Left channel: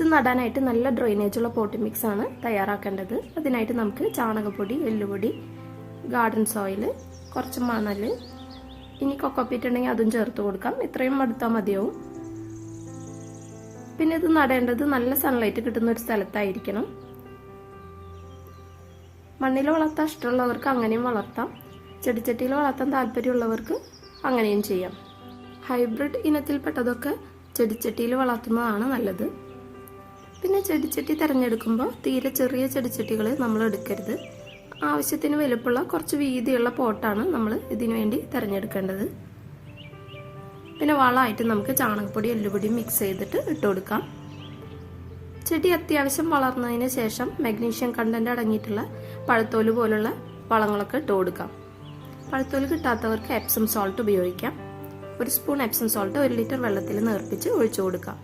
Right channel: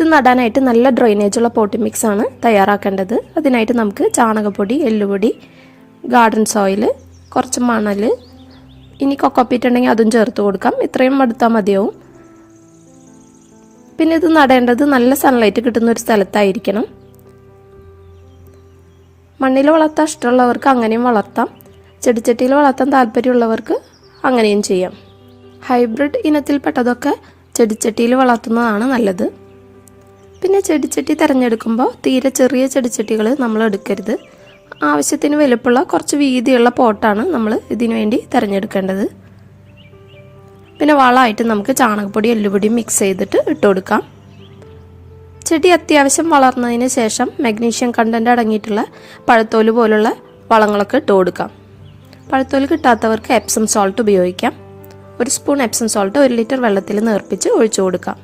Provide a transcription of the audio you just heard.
ഇത് നടാനായിട്ട് നല്ല ഡ്രെയിനേജുള്ള പോട്ടി മിക്സാണ് തയ്യാറാക്കേണ്ടത്. അതിനായിട്ട് നമുക്ക് ചാണകപ്പൊടി, എല്ലുപൊടി, ഗാർഡൻ സോയിൽ, കുറച്ച് മണൽ, ഇനി കൊക്കോപ്പീറ്റ് ഉണ്ടെങ്കിൽ അതും ചേർത്ത് കൊടുക്കാം. ഇത്രയും എടുത്താൽ മതിയാവും. പിന്നെ ഇത് നടേണ്ടത് നല്ല സൺലൈറ്റ് കിട്ടുന്ന ഒരു സ്ഥലത്തായിരിക്കണം. മണ്ണിൽ വളർത്താൻ ഇഷ്ടമുള്ളവർക്ക് അങ്ങനെയും വളർത്താം. ചെടിച്ചട്ടിയിൽ വളർത്താൻ താല്പര്യമുള്ളവർക്ക് അങ്ങനെയും ചെയ്യാം. ഹൈബ്രിഡ് ഇനത്തിൽപ്പെട്ടതൊക്കെ ചെടിച്ചട്ടിയിൽ വളർത്തുന്നതാണ് നല്ലത്. പിന്നെ ചെടിച്ചട്ടി തിരഞ്ഞെടുക്കുമ്പോൾ തീരെ ചെറിയ ചെടിച്ചട്ടികൾ നമ്മൾ എടുക്കരുത്. ആവശ്യത്തിന് വലുപ്പമുള്ള കുറച്ച് വീതിയുള്ള പോട്ടാണ് നമ്മൾ ഇതിനു വേണ്ടി തിരഞ്ഞെടുക്കേണ്ടത്. പിന്നെ വളമായിട്ട് നമുക്ക് ചാണകപ്പൊടി, എല്ലുപൊടി മിക്സ് ചെയ്തിട്ട് ഇട്ട് കൊടുക്കാം. ചെടി അത്യാവശ്യം വളർന്നതിന് ശേഷം മഗ്നീഷ്യം കണ്ടന്റ് അടങ്ങിയിട്ടുള്ള പഴത്തോല് പോലുള്ള വളങ്ങളൊക്കെ ഇട്ട് കൊടുക്കാം. പഴത്തോല് കിട്ടാത്തവർക്ക് എപ്സം സോൾട്ട് ഉപയോഗിക്കാം. 1 സ്പൂൺ എപ്സം സോൾട്ട് 1 ലിറ്റർ വെള്ളത്തിൽ നേർപ്പിച്ച് ഒഴിച്ചു കൊടുക്കാം.